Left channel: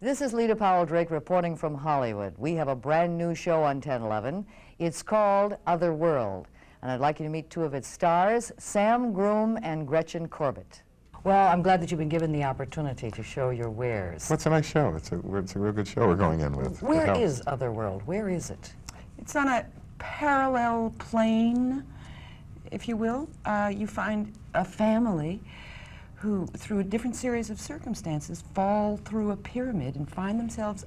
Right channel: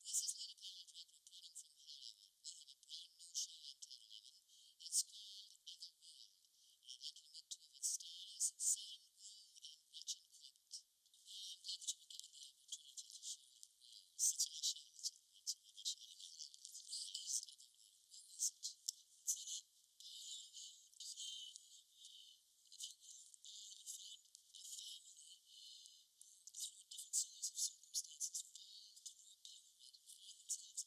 This is Leta Powell Drake reporting from Hollywood. We have a brand new show on 10/11. It's called Otherworld, and I'd like you to meet two of its stars, Sam Groom and Gretchen Corbett. Well, I'm glad that you've been given the opportunity to show your wares. Well, it's a nice show. It's a real good show we're going in with. Where is Otherworld? Where is it? It's on a parallel plane, if you will. You find a family who, through a different series of circumstances, fall through a pyramid and find themselves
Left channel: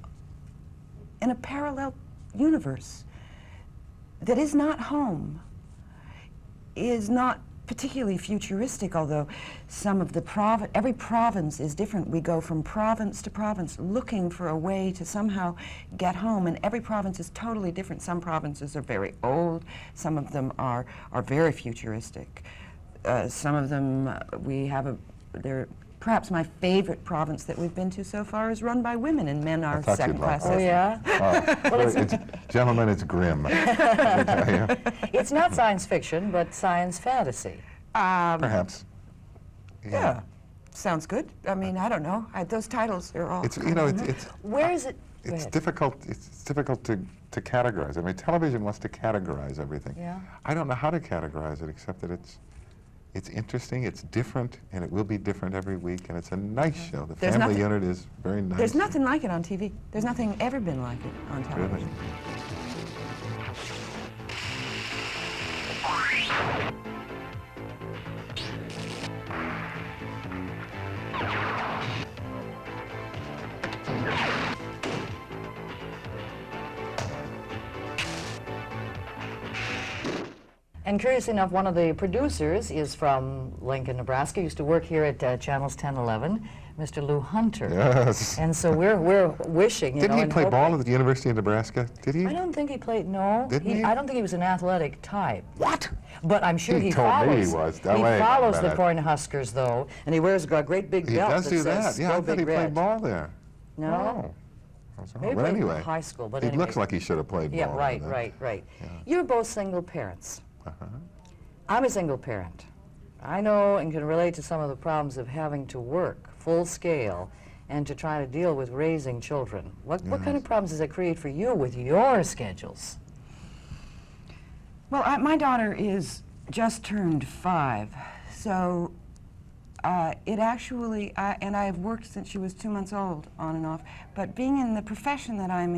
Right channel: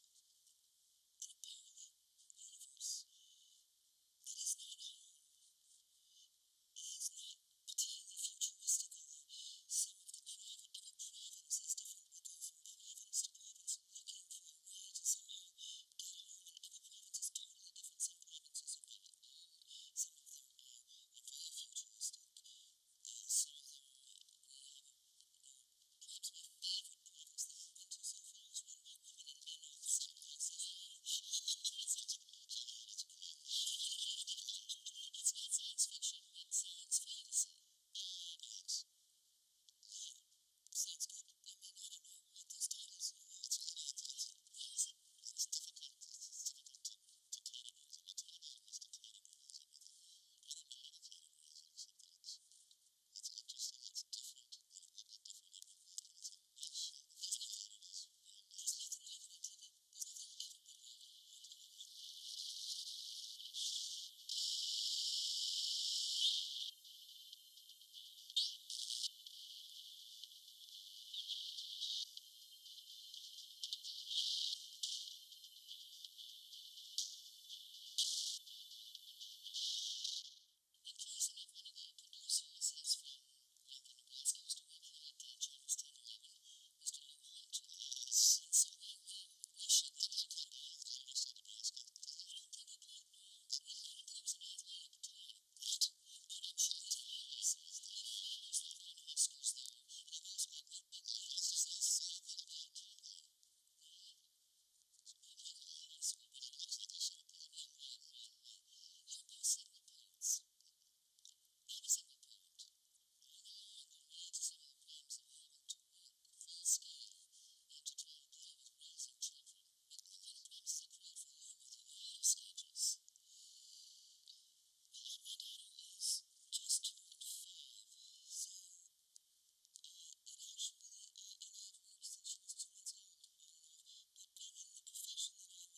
in a parallel universe that is not home, is not particularly futuristic, although some of the every province is different. We go from province to province looking for a way to somehow get home, and every province is totally different. Some provinces are very old, some of them are very futuristic. Some of them they're perhaps my favorite province that we've been to so far is run by women, and men are second-class citizens. Oh, yeah? Well, gentlemen, it's grim. It's not science fiction, but science fantasy. Perhaps. Yeah. Sounds good. I mean, I don't know. Those titles are all... Where is it? It's difficult. It's difficult to categorize. I mean, television wants to categorize everything. Yeah. I don't know how to categorize it, except that it's interesting, it's different, and it will be different every week, and it's a nice show. The family unit is very nice. There's nothing like it on TV. There's nothing ever been like it on television. And curious enough, one of the producers is from Lincoln, Nebraska. Used to work here at Channels 10, 11, Mr. Lou Hunter. Yes. And so we're wishing, Didn't he play ball at the University of Nebraska? Did he? I don't think he played, no. Didn't he? I don't think he was an athletic type. What? But I'm sure he told follows. me he was. He follows the Cornhuskers, though, and he wears a great big belt. He does do that. Yeah, I thought he red. played ball there. No. Oh. Maybe But anyway, in high school, but he anyway. looks like he should have played ball. Yeah, right. Yeah. You're both single parents. Uh-huh. I'm a single parent. I know and can relate to some of the problems of having to work full scale and to try to deal with raising children. What kind of problems does that create for you with your schedules? Well, my daughter is just turned 5, so it actually, and I've worked since she was 2 months old, on and off, but being in the profession that I'm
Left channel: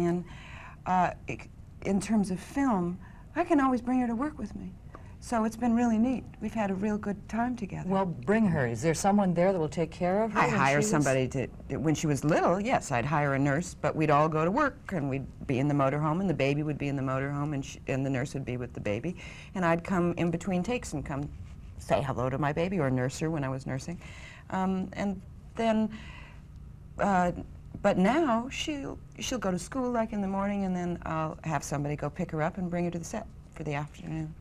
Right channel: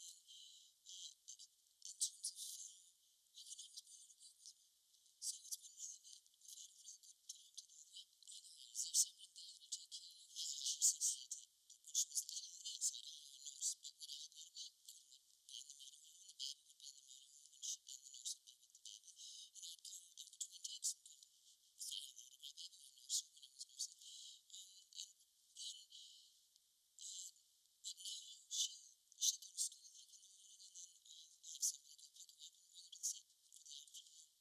in terms of film, I can always bring her to work with me. So it's been really neat. We've had a real good time together. Well, bring her. Is there someone there that will take care of her? I hire somebody when she was little, yes, I'd hire a nurse, but we'd all go to work, and we'd be in the motorhome, and the baby would be in the motorhome, and the nurse would be with the baby. And I'd come in between takes and come say hello to my baby, or nurse her when I was nursing. And then, but now she'll go to school like in the morning, and then I'll have somebody go pick her up and bring her to the set for the afternoon.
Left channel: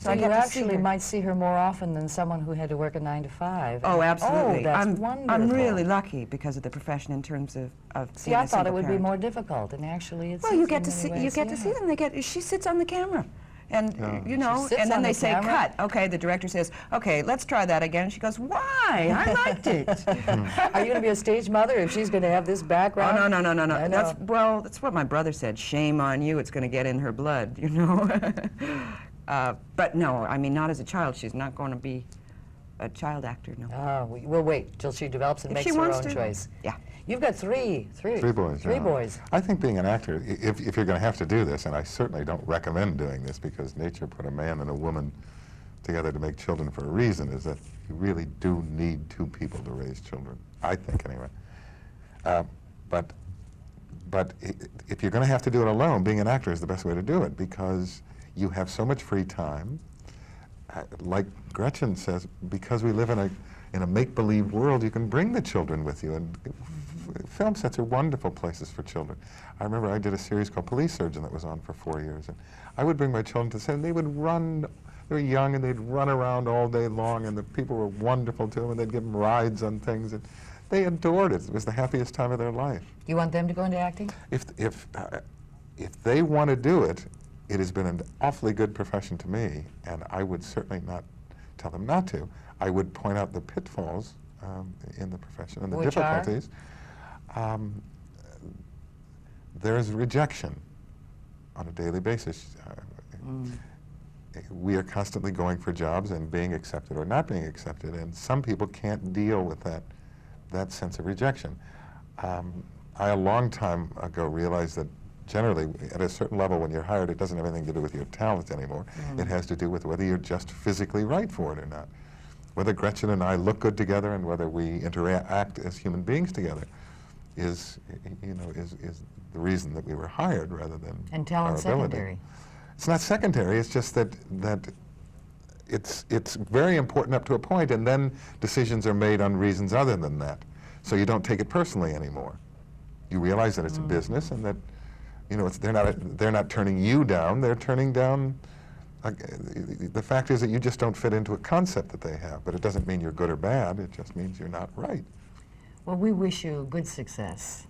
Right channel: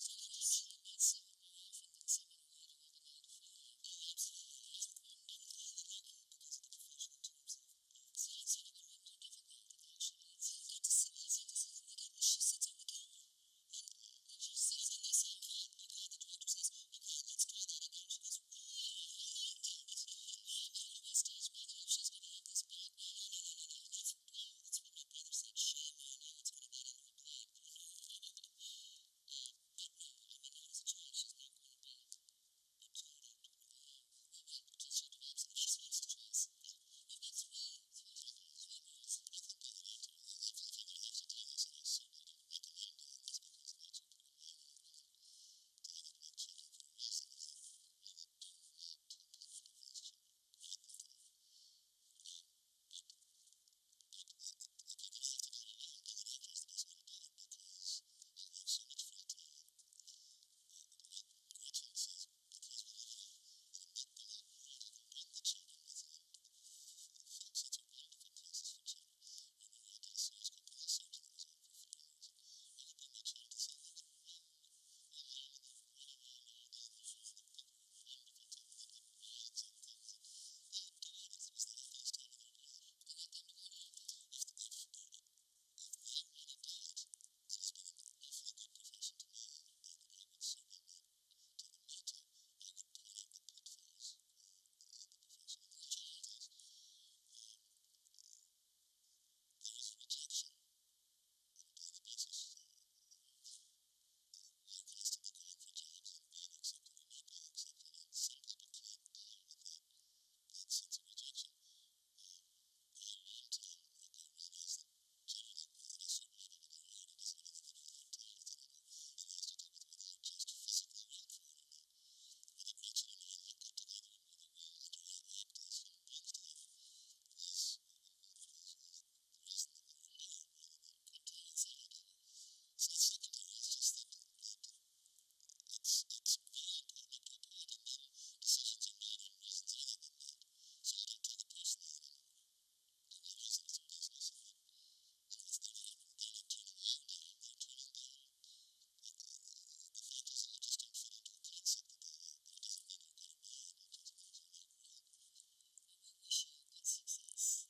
So you actually might see her more often than someone who had to work a 9 to 5. Oh, absolutely. Oh, that's wonderful. I'm really lucky because of the profession in terms of See, I thought it would be more difficult, and actually it's. Well, you get to see them. She sits on the camera, and you know, and then they say cut. Okay, the director says, okay, let's try that again. And she goes, why? I liked it. Are you going to be a stage mother if she's going to have this background? Oh, no. That's what my brother said. Shame on you. It's going to get in her blood, you know. But no, I mean, not as a child. She's not going to be a child actor, no. Oh, we'll wait till she develops and makes her own choice. Yeah. You've got three boys. Three boys. I think being an actor, if you're going to have to do this, and I certainly don't recommend doing this because nature put a man and a woman together to make children for a reason, is that you really do need 2 people to raise children. I think, anyway. But if you're going to have to do it alone, being an actor is the best way to do it because you have so much free time. Like Gretchen says, because we live in a make-believe world, you can bring the children with you. And film sets are wonderful places for children. I remember I did a series called Police Surgeon that was on for 4 years. And I would bring my children to set, and they would run. They were young, and they'd run around all day long, and the people were wonderful to them, and they'd give them rides on things. And they adored it. It was the happiest time of their life. You want them to go into acting? If they want to do it, it has been an awfully good profession to me, and I would certainly not tell them not to. I would point out the pitfalls in the profession and the difficulties. there's rejection on a daily basis. We are constantly going for jobs and being accepted or not being accepted, and some people can't deal with that sense of rejection. I, a long time ago, realized that generally, at a certain level, when you're hired, it doesn't have anything to do with your talent anymore. It has to do with whether you're just physically right for it or not. Whether Gretchen and I look good together and whether we interact as human beings together is the reason that we were hired rather than And talent our ability. secondary. It's not secondary. It's just that it's very important up to a point, and then decisions are made on reasons other than that. So you don't take it personally anymore. You realize that it's a business, and that they're not turning you down. They're turning down. The fact is that you just don't fit into a concept that they have, but it doesn't mean you're good or bad. It just means you're not right. Well, we wish you good success.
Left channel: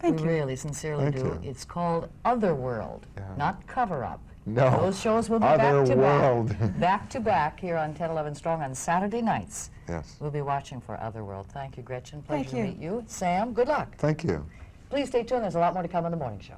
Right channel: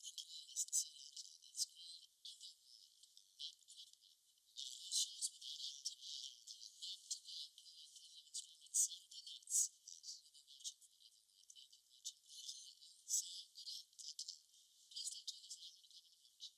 Thank we you. really sincerely Thank do. you. It's called Otherworld, not Cover Up. No. Those shows will be back to Otherworld. back, back to back here on 10/11 Strong on Saturday nights. Yes. We'll be watching for Otherworld. Thank you, Gretchen. Pleasure Thank you. to meet you. Sam, good luck. Thank you. Please stay tuned. There's a lot more to come on the morning show.